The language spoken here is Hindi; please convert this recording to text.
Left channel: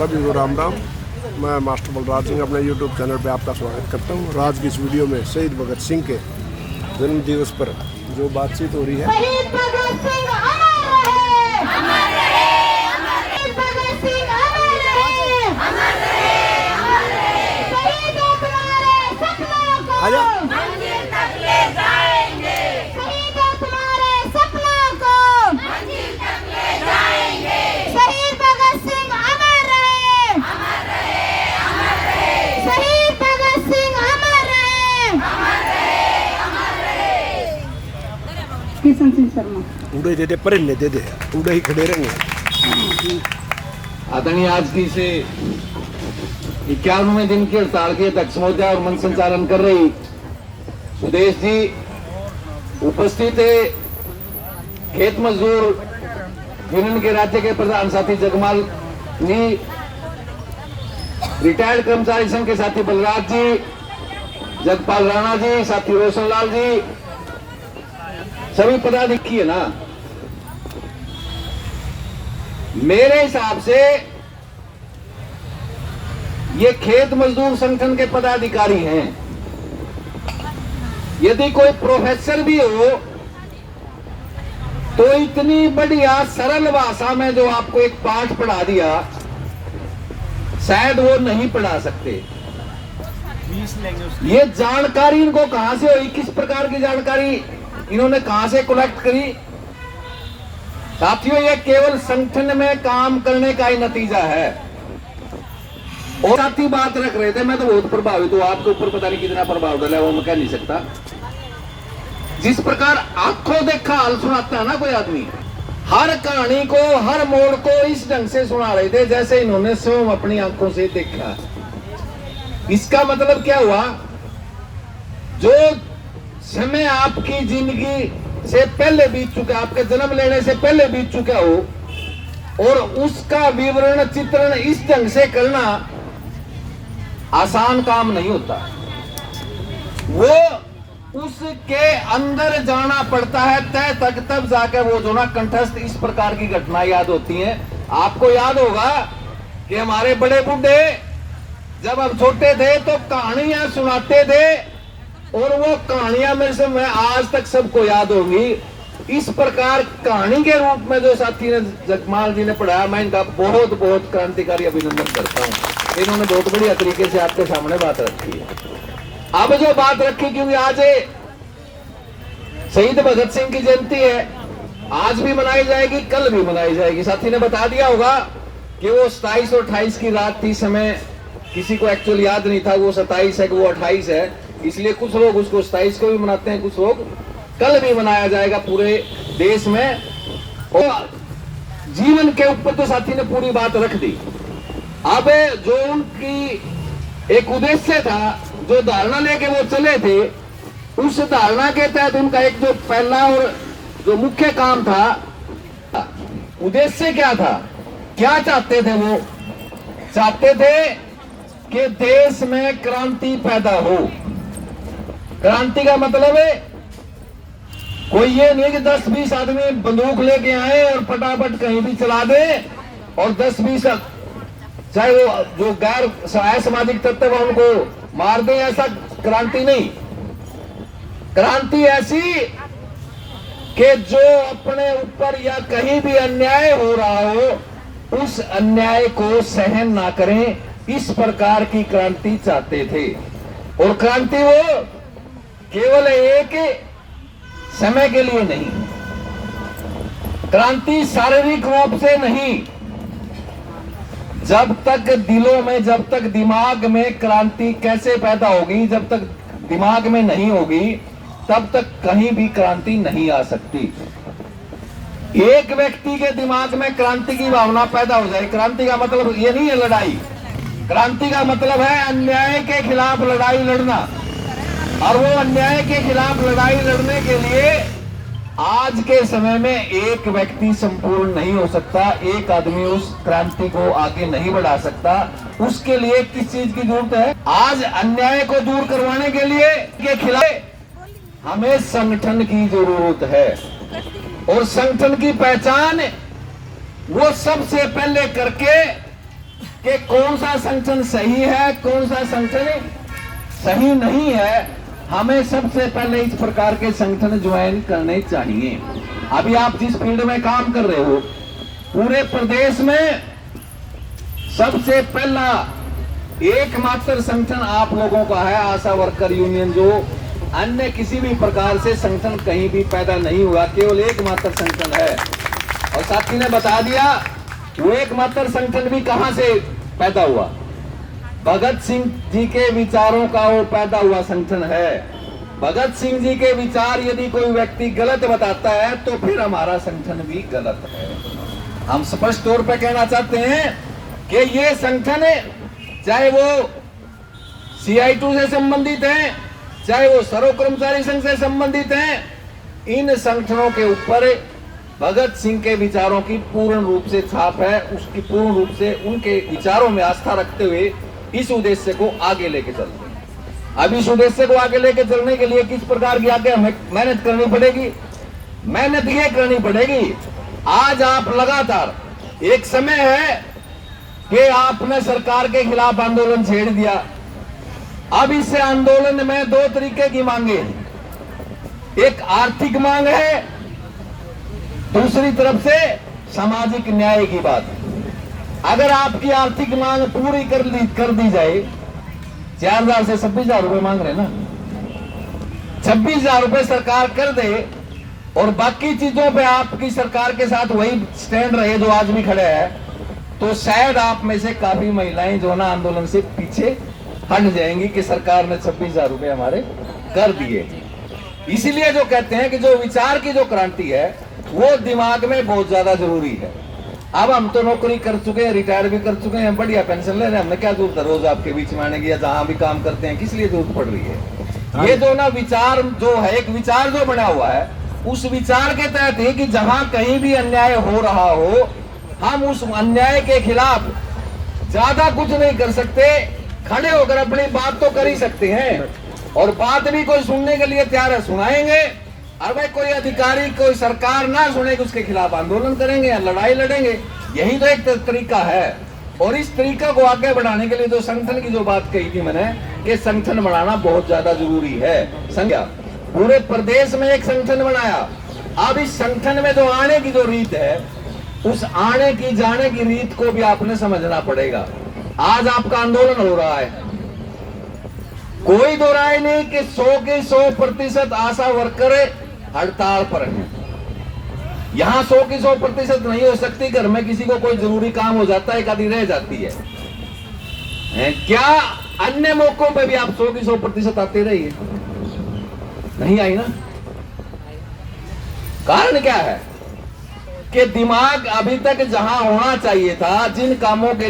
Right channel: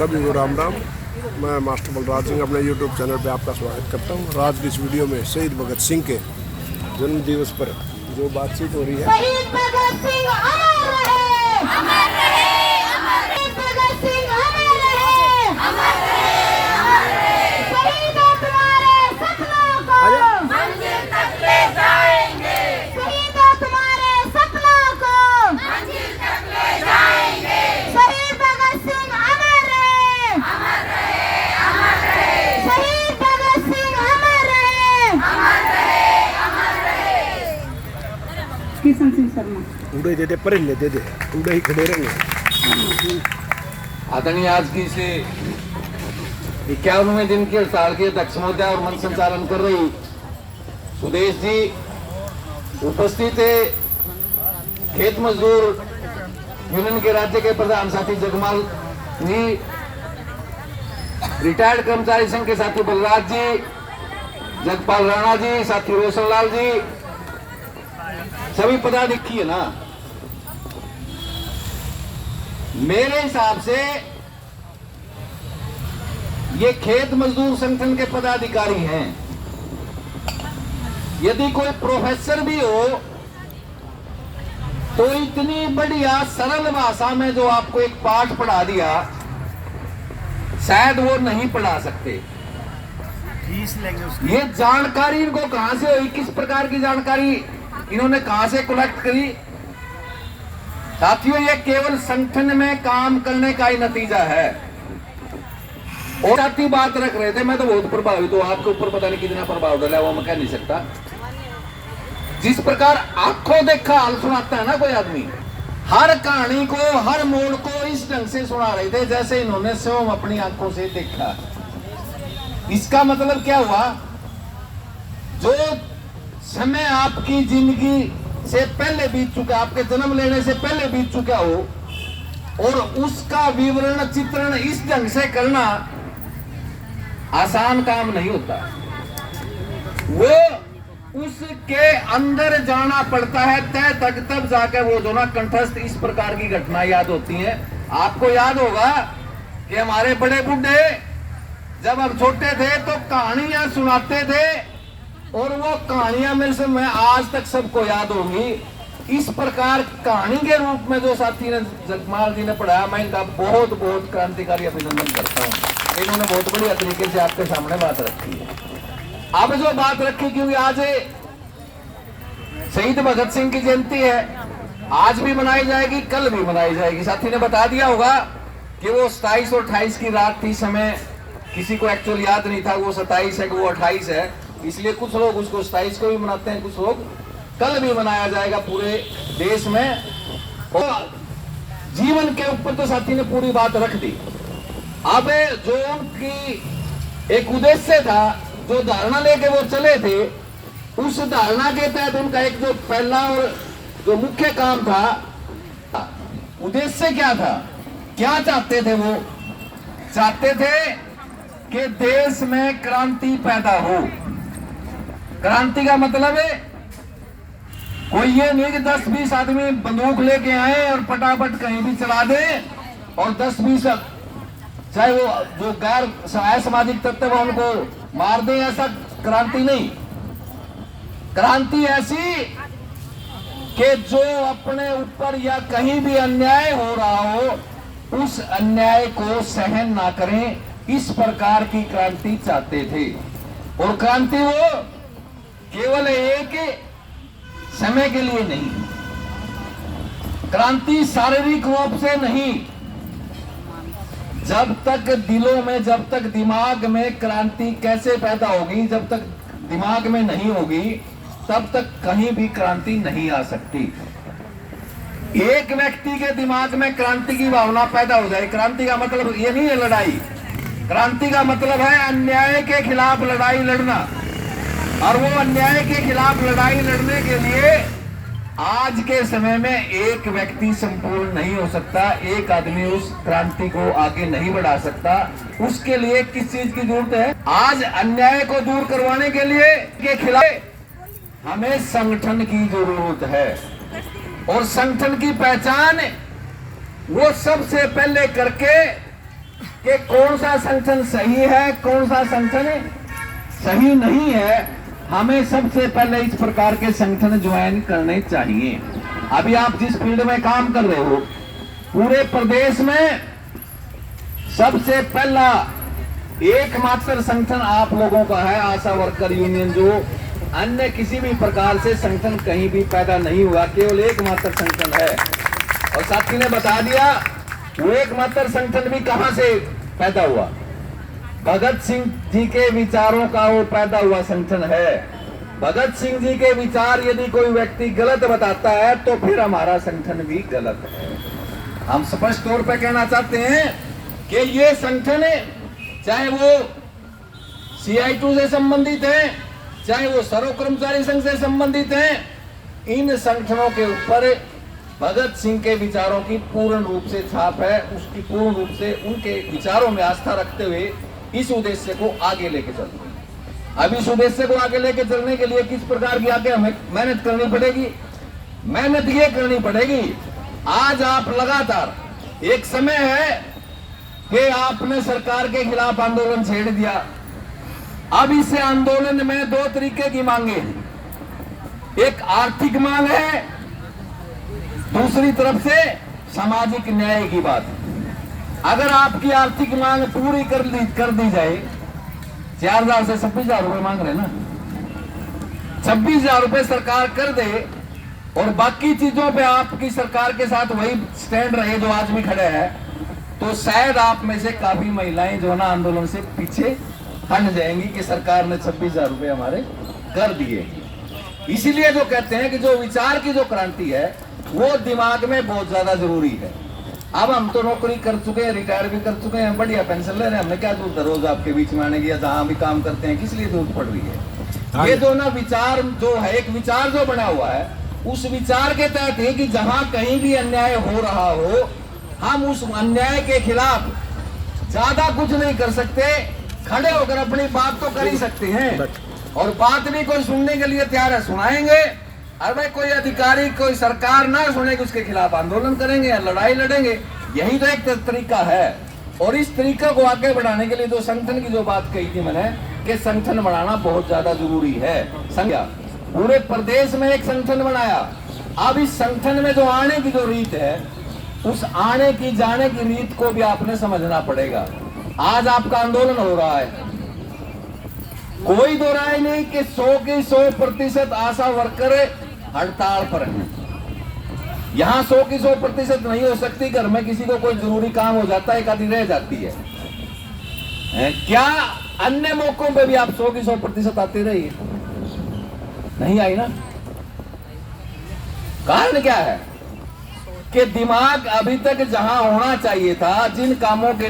सभी को राम राम। मैं मास्टर बलराज सिंह अपने यूट्यूब चैनल पे आपका स्वागत करता हूँ। आज की इस वीडियो में शहीद भगत सिंह के जन्म दिवस पर जो बातचीत हो रही है। शहीद भगत सिंह अमर रहे, अमर रहे, अमर रहे। भगत सिंह अमर रहे, अमर रहे, अमर रहे। शहीदों तुम्हारे सपनों को मंजिल तक ले जाएंगे। शहीदों तुम्हारे सपनों को मंजिल तक ले जाएंगे। शहीद भगत सिंह अमर रहे, अमर रहे, अमर रहे। शहीद भगत सिंह अमर रहे, अमर रहे, अमर रहे। किशन सिंह शर्मा उड़े दे दे परिंदे दे दे उड़े ही खड़े रहेंगे। आदरणीय आज की से 51वें दिन की हड़ताल के अध्यक्ष महोदय और मंच संचालन कर रही सुदेश जी उपस्थित है। खेत मजदूर यूनियन के राज्य के प्रधान साथी जगमाल जी, रिटायर्ड कर्मचारी संघ के साथी बलराज जी, जगपाल राणा जी, साथी रोशन लाल जी, सभी पदाधिकारी है ना। मेरे हिसाब से ये खेत मजदूर संगठन के पदाधिकारी हैं। यदि कोई प्रोफेसर भी हो तो इतनी बढ़िया सरल भाषा में जो आपको एक पाठ पढ़ा दिया शायद वो नहीं पढ़ा सकते। ये जानकारी इनको कहां से हुई, किस प्रकार की जानकारी इन्होंने कहां से कलेक्ट करी? साथियों, ये केवल संगठन में काम करने का ही नतीजा है। और साथी बात रख रहे थे, मैं तो बहुत प्रभावित हूं। आपके ऊपर पता नहीं कितना प्रभाव डाला वो मैं कह नहीं सकता। जिस प्रकार आंखों देखा हाल सुनाता है ना कोई आदमी, हर कहानी को हर मोड़ को इस ढंग से सुना रहे थे जैसे इन्होंने स्वयं अपनी आंखों से देखा। इसका मतलब क्या हुआ? जो समय आपकी जिंदगी से पहले बीत चुका, आपके जन्म लेने से पहले बीत चुका हो और उसका विवरण चित्रण इस ढंग से करना आसान काम नहीं होता। वो उसके अंदर जाना पड़ता है तय तक, तब जाकर वो जो ना कंठस्थ इस प्रकार की घटना याद होती हैं। आपको याद होगा कि हमारे बड़े बूढ़े जब हम छोटे थे तो कहानियां सुनाते थे और वो कहानियां में से मैं आज तक सबको याद होगी। इस प्रकार कहानी के रूप में जो साथी ने जगमाल जी ने पढ़ाया, मैं इनका बहुत बहुत क्रांतिकारी अभिनंदन करता हूं। इन्होंने बहुत बढ़िया तरीके से आपके सामने बात रखी है। अब जो बात रखी, क्योंकि आज शहीद भगत सिंह की जयंती है, आज भी मनाई जाएगी, कल भी मनाई जाएगी। साथी ने बता दिया होगा कि वो 27 और 28 की रात थी। समय किसी को एक्चुअल याद नहीं था वो 27 है कि वो 28 है, इसलिए कुछ लोग उसको 27 को भी मनाते हैं, कुछ लोग कल भी मनाया जाएगा पूरे देश में। और जीवन के ऊपर तो साथी ने पूरी बात रख दी। अब जो उनकी एक उद्देश्य था, जो धारणा लेके वो चले थे, उस धारणा के तहत उनका एक जो पहला और जो मुख्य काम था, उद्देश्य क्या था, क्या चाहते थे? वो चाहते थे कि देश में क्रांति पैदा हो। क्रांति का मतलब है कोई ये नहीं कि 10-20 आदमी बंदूक लेके आए और फटाफट कहीं भी चला दे और 10-20 चाहे वो जो गैर सामाजिक तत्व है उनको मार दे, ऐसा क्रांति नहीं। क्रांति ऐसी कि जो अपने ऊपर या कहीं भी अन्याय हो रहा हो उस अन्याय को सहन ना करें, इस प्रकार की क्रांति चाहते थे। और क्रांति वो केवल एक समय के लिए नहीं, क्रांति शारीरिक रूप से नहीं, जब तक दिलों में, जब तक दिमाग में क्रांति कैसे पैदा होगी, जब तक दिमाग में नहीं होगी तब तक कहीं भी क्रांति नहीं आ सकती। एक व्यक्ति के दिमाग में क्रांति की भावना पैदा हो जाए, क्रांति का मतलब ये नहीं है लड़ाई, क्रांति का मतलब है अन्याय के खिलाफ लड़ाई लड़ना। और वो अन्याय के खिलाफ लड़ाई लड़ने के लिए आज के समय में एक व्यक्ति संपूर्ण नहीं हो सकता, एक आदमी उस क्रांति को आगे नहीं बढ़ा सकता। उसके लिए किस चीज की जरूरत है? आज अन्याय को दूर करवाने के लिए के खिलाफ हमें संगठन की जरूरत है। और संगठन की पहचान वो सबसे पहले करके कि कौन सा संगठन सही है, कौन सा संगठन सही नहीं है, हमें सबसे पहले इस प्रकार के संगठन ज्वाइन करने चाहिए। अभी आप जिस फील्ड में काम कर रहे हो, पूरे प्रदेश में सबसे पहला एकमात्र संगठन आप लोगों का है आशा वर्कर यूनियन, जो अन्य किसी भी प्रकार से संगठन कहीं भी पैदा नहीं हुआ, केवल एकमात्र संगठन है। और साथी ने बता दिया वो एकमात्र संगठन भी कहां से पैदा हुआ, भगत सिंह जी के विचारों का वो पैदा हुआ संगठन है। भगत सिंह जी के विचार यदि कोई व्यक्ति गलत बताता है तो फिर हमारा संगठन भी गलत है। हम स्पष्ट तौर पर कहना चाहते हैं कि ये संगठन चाहे वो CI2 से संबंधित है, चाहे वो सर्व कर्मचारी संघ से संबंधित है, इन संगठनों के ऊपर भगत सिंह के विचारों की पूर्ण रूप से छाप है। उसकी पूर्ण रूप से उनके विचारों में आस्था रखते हुए इस उद्देश्य को आगे लेके चलते हैं। अब इस उद्देश्य को आगे लेके चलने के लिए किस प्रकार की आगे हमें मेहनत करनी पड़ेगी? मेहनत ये करनी पड़ेगी, आज आप लगातार, एक समय है कि आपने सरकार के खिलाफ आंदोलन छेड़ दिया। अब इस आंदोलन में दो तरीके की मांगे हैं, एक आर्थिक मांग है, दूसरी तरफ से सामाजिक न्याय की बात। अगर आपकी आर्थिक मांग पूरी कर दी जाए, 4,000 से 26,000 रुपए मांग रहे ना, 26,000 रुपए सरकार कर दे और बाकी चीजों पे आपकी सरकार के साथ वही स्टैंड रहे जो आज भी खड़े हैं, तो शायद आप में से काफी महिलाएं जो ना आंदोलन से पीछे हट जाएंगी कि सरकार ने 26,000 रुपए हमारे कर दिए। इसीलिए जो कहते हैं कि जो विचार की जो क्रांति है वो दिमाग में बहुत ज्यादा जरूरी है। अब हम तो नौकरी कर चुके हैं, रिटायर भी कर चुके हैं, बढ़िया पेंशन ले रहे हैं, हमने क्या जरूरत है रोज आपके बीच में आने की, या जहां भी काम करते हैं किस लिए जरूरत पड़ रही है? ये जो ना विचार जो है, एक विचार जो बना हुआ है, उस विचार के तहत है कि जहां कहीं भी अन्याय हो रहा हो, हम उस अन्याय के खिलाफ ज्यादा कुछ नहीं कर सकते, खड़े होकर अपनी बात तो कर ही सकते हैं, और बात भी कोई सुनने के लिए तैयार है, सुनाएंगे। और भाई कोई अधिकारी, कोई सरकार ना सुनेगी, उसके खिलाफ आंदोलन करेंगे या लड़ाई लड़ेंगे। यही तो एक तरीका है। और इस तरीका को आगे बढ़ाने के लिए जो संगठन की जो बात कही थी मैंने, कि संगठन बनाना बहुत ज्यादा जरूरी है। समझा? पूरे प्रदेश में एक संगठन बनाया। अब इस संगठन में जो आने की जो रीत है, उस आने की जाने की रीत को भी आपने समझना पड़ेगा। आज आपका आंदोलन हो रहा है, कोई दो राय नहीं कि 100 के 100% आशा वर्कर हड़ताल पर हैं। यहां 100 की 100% नहीं हो सकती, घर में किसी को कोई जरूरी काम हो जाता है, एक आदि रह जाती है। क्या अन्य मौकों पे भी आप 100 की 100% आते रहिए? नहीं आई ना। कारण क्या है कि दिमाग अभी तक जहां होना चाहिए था, जिन कामों के